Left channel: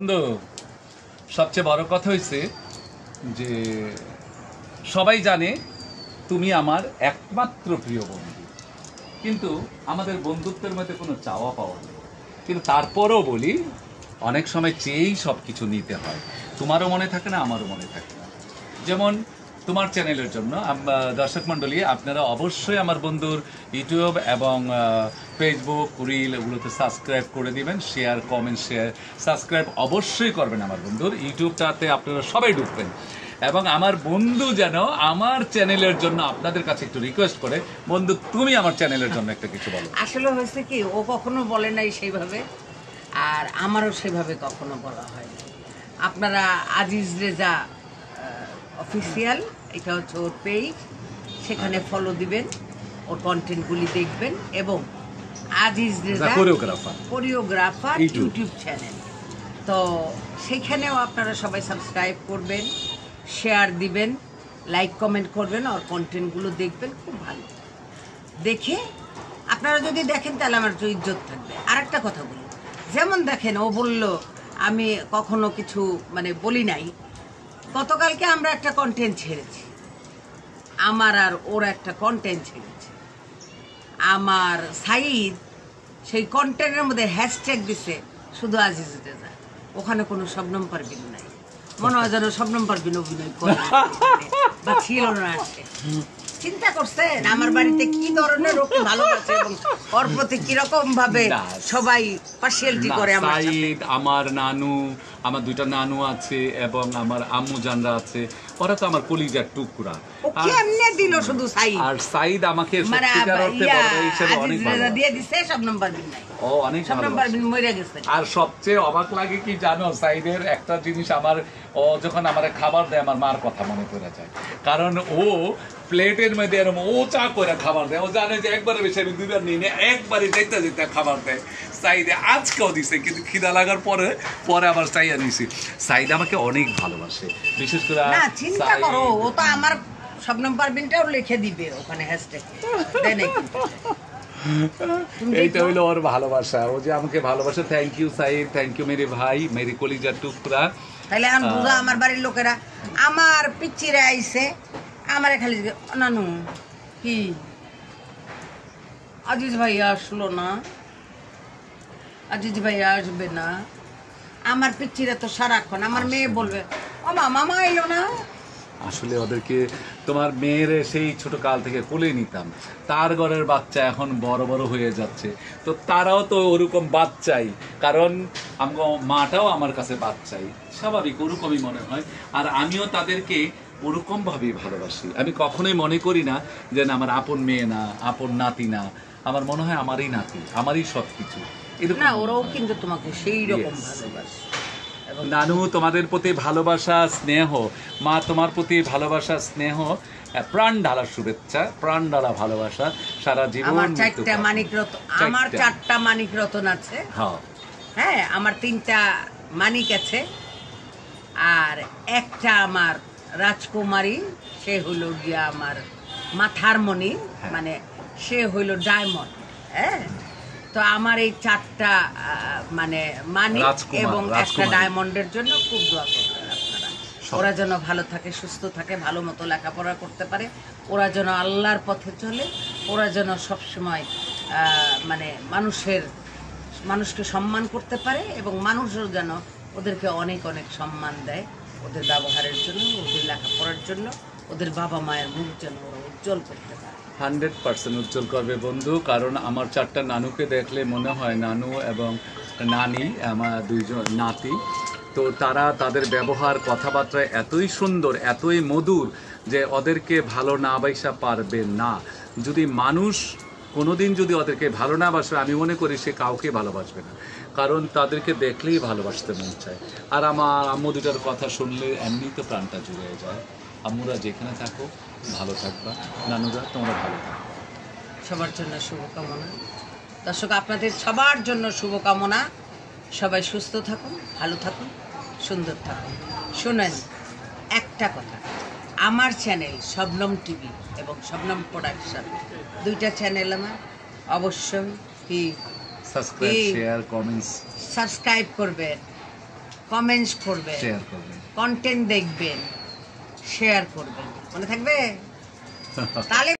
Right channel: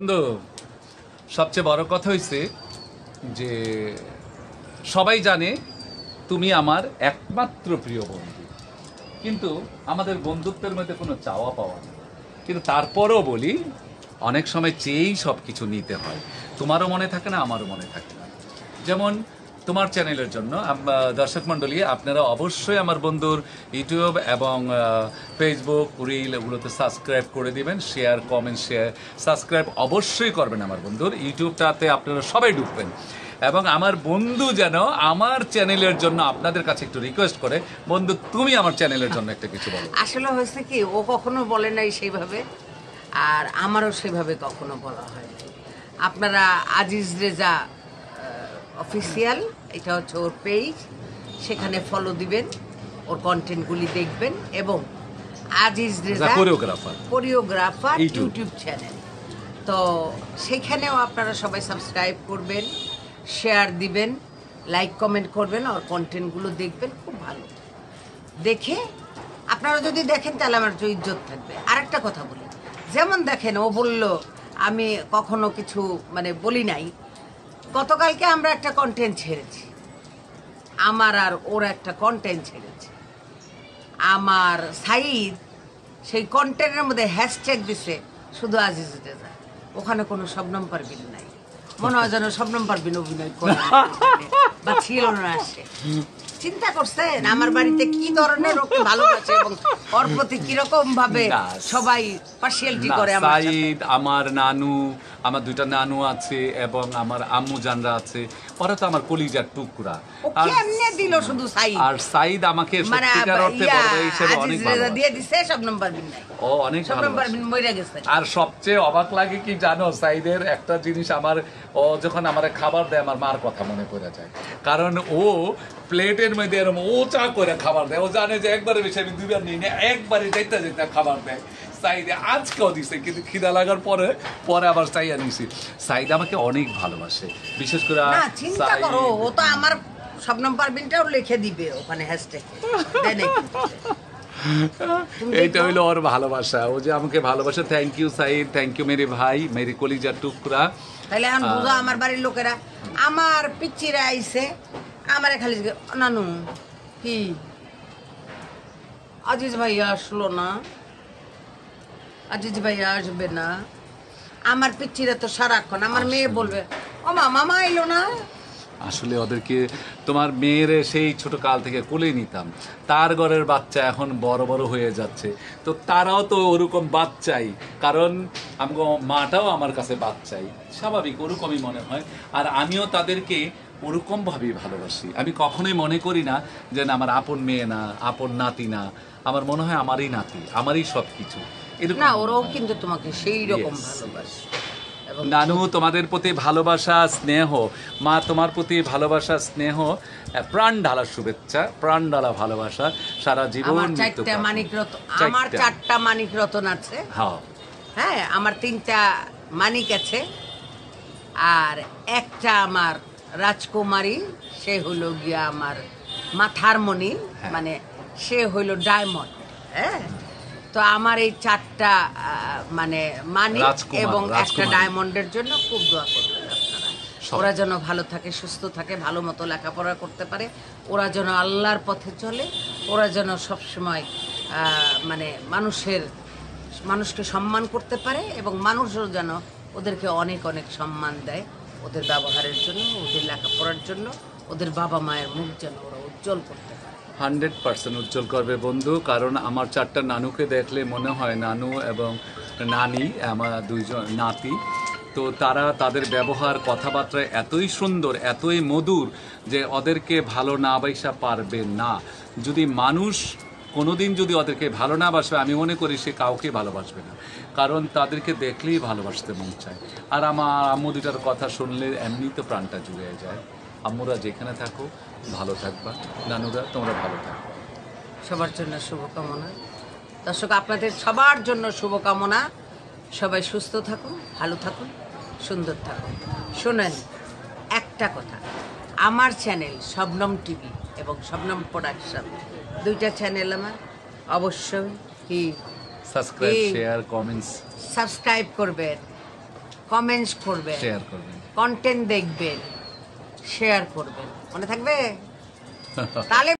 বন্ধু, সবচেয়ে বড় কথা হয়েছে যে সবাই জানে তুমি আমার একমাত্র প্রিয় বন্ধু, কিন্তু আমাদের বন্ধুত্বের মধ্যে কোনো চাওয়া পাওয়া নেই। কিন্তু তারপরেও বলি, অনেক সময় চেয়েই সব কিছু নিতে হয়। তোমারও মনে থাকে না, আমারও মনে থাকে না। যেমন তোমার চ্যানেলের জন্য দর্শক মণ্ডলী, আপনারা অবশ্যই আমার বন্ধুর ইউটিউব এবং ফেসবুক রিল এগুলোতে সাবস্ক্রাইব করে দিবেন। শেয়ার, কমেন্ট, শেয়ার, সাবস্ক্রাইব অবশ্যই করবেন আমার বন্ধুর ইউটিউবটাতে। আপনারা সবাই ঢুকবেন এবং আমার বন্ধু যেন আমার চ্যানেলের জন্য আপনাদের কাছে একটু রিকোয়েস্ট করে, বন্ধু তুমি আমার চ্যানেলের জন্য একটা কিছু বলো। আসলে হয়েছে কি, ও কখনো বলে নাই সেইভাবে, আর আমারও সেভাবে কখনো বলা হয়নি। আপনারা আজিজ রেজা অফিসিয়াল, এটা হচ্ছে ওর পেজ, সেখানে ফলো দিবেন, ওর কন্টেন্টগুলি দেখবেন এবং Aziz Reza choreographer YouTube channel, তো সেখানেও আপনারা সবাই সাবস্ক্রাইব করবেন, শেয়ার দিবেন, লাইক কমেন্ট করবেন, ওর কন্টেন্টগুলো দেখবেন। খুব ভালো দেখে আপনারা যদি দেখেন তাহলে আমার তো ইজ্জত থাকবে। আরেকটা কথা বলি, যেমন দেখেন ও বলল আমি কখনো কিছু বলি নাই। গতকালকে আমরা একটা কন্টেন্ট ছেড়েছি, আমার আর ওর একটা কন্টেন্ট ছেড়েছি। আমার সাইদ সেই কন্টেন্টের মধ্যে হ্যাশট্যাগ দিছে শুধু আজিজ রেজা, ওখানে কোনো শবনম পারভিন নাই। মনে হয় যেন শবনম পারভিন অভিনয় করে বা ছিল না আসে। চিন্তা করছেন আমার বাড়িতে কি ধরনের ওকে ভালোবাসে এবং ওর প্রতি কিরকম ভাবে সবাই পার্সিয়ালিটি করে। আমার নানু, আমার দুইটা নানু আছে এবং আমার আম্মু জানরা আছে, ওরা তো আমার কলিজার টুকরা। কেমনে দিল শুধু সাইদ, আর সাইদ আমাকে সত্যিকার অর্থে বড় ভাই হিসেবে অনেক ভালো দিয়ে দিছে। সব নাম্বার বিন নাই, ও অনেক সব নাম্বার বিন মরে গেছে। আর সবচেয়ে অবাক লাগে কি জানো, সাইদের একটা জিনিস, আমার ও যখন আমার খাবার দেয় আমার মার কথা মনে পড়ে যায়। কারণ ও প্লেটের মধ্যে এরকম ও চা করে খাবার দেয়। ও জানে যে একবারে বেশি আমি দুইবার নিই না, একবারে যেতে যেতে খাবার দেয়। সাইদে আজকেও দিছে, কিন্তু খিদা লাগার পরে পরে আবার চাইয়া নিছি। সাইদ আমাকে অনেক ভালোবাসে, বিশেষ করে না চিন্তা করো, ও তো আমার সব নাম্বার বিনটাও লিখে দিবে ওখানে হ্যাশট্যাগ দেয় নাকি। এইটা হইলো ওর ভালোবাসা, ও যে আমাকে ভালোবাসে। Thank you Saeed, thank you মেরে ভাই, মেরে কলিজার টুকরা। তাহলে এখন বুঝা, আমার বাড়ির লোকেরা আমার পিচ্চিরা আইছে, আমারে খালি নানু কি আজিজ ভাইয়া আসলো না, আজিজ ভাইয়া আসবে না। আমার পিচ্চিরা তো সারাক্ষণ, আমার মেয়ে বলবে ও মা মামা এলো না। আসলে ওদেরকে, তোমার মেয়ের সেই ছোট কাল থেকে কোলে নিতাম, তার ঘরের বাচ্চা এখন বড় বড় হয়ে যাচ্ছে, তো তারাও তো ওরকম বাচ্চাই, কারণ আমাকে মাটাও আমার কাছে বাচ্চাই, স্বাভাবিক ওরকমই মনে হয়। আর আমিও তাদেরকে ওরকম ভাবেই ভালোবাসি। আমি কখনোই মনে করি না যে আমার আপন মেয়ে না, আপন নাতি না, আমার মনে হয় আমারই নাতি, আমারই সবকিছু। না, ওরাও কিন্তু তোমাকে সেই রকম ভালোবাসে। নানু তোমাদের প্রতি ভালোবাসা, স্নেহ, মা তোমার প্রতি ভালোবাসা, স্নেহ, প্রাণ ঢালা শুভেচ্ছা, প্রাণ ঢালা ভালোবাসা সারা জীবন। আমার 4টা মানিক রতন, আমার 4টা মানিক রতন আছে। হ্যাঁ, আমার 3টা মানিক আছে, আর একটা আমার রাজকুমারী, সে হইল গিয়া আমার মাথার মণি, সে হইল ডায়মন্ড। হ্যাঁ, তো আমার এই 4টা মানিক এবং একটা ডায়মন্ডের জন্য খুব দোয়া করবেন আপনারা। ওরা যেন ভালো থাকে, সুস্থ থাকে, ভালো মতো লেখাপড়া করতে পারে, ওরা যেন আল্লাহর পথে চলে, ওরা যেন সবসময় মানুষকে সম্মান করতে পারে এবং মানুষও যেন ওদেরকে অনেক অনেক সম্মান দেয়, ওদের ব্যবহারের জন্য, ওদের লেখাপড়ার জন্য, ওদের বাবা মায়ের মুখ যেন ওরা উজ্জ্বল করতে পারে। 100% উজ্জ্বল করবে বন্ধু। কারণ আমার 4টা নানুকে দেখলে মনে হয়, নানু এবং নানি আমার 2জন নাতি, তো তারা তাদের ব্যবহার, কথাবার্তা এতই সুন্দর, এতই মধুর যে ওদেরকে ভালো না বাসা পারবে না। যদি মানুষ কোনোদিন যদি ওদেরকে ভালো না বাসবে, আমি মনে করি সে কাউকে ভালোবাসবে না, কারণ তাদেরকে দেখলেই ভালোবাসতে মন চায়। আর আমার আম্মু দুটার কথা শুনলে এমনি তো প্রাণটা জুড়ে যায়। আম্মুরা যেখানে থাকো ভালো থাকবা, নানুরা তোমরা ভালো থাকবা। সবার জন্য শুভকামনা। দর্শক, আপনাদের সবার জন্য শুভকামনা। সবাই সুস্থ থাকুন, ভালো থাকুন, সুন্দর থাকুন। শোনেন একটা কথা, আমার চ্যানেল শবনম টিভি এবং শবনম প্রোডাকশন, 2টা চ্যানেল আমার, অবশ্যই কি সাবস্ক্রাইব, শেয়ার, কমেন্টস, সাবস্ক্রাইব করবেন, কমেন্টস করবেন, শেয়ার করবেন। কন্টেন্ট দেখবেন, শেয়ার করবেন, মনে থাকবে তাহলে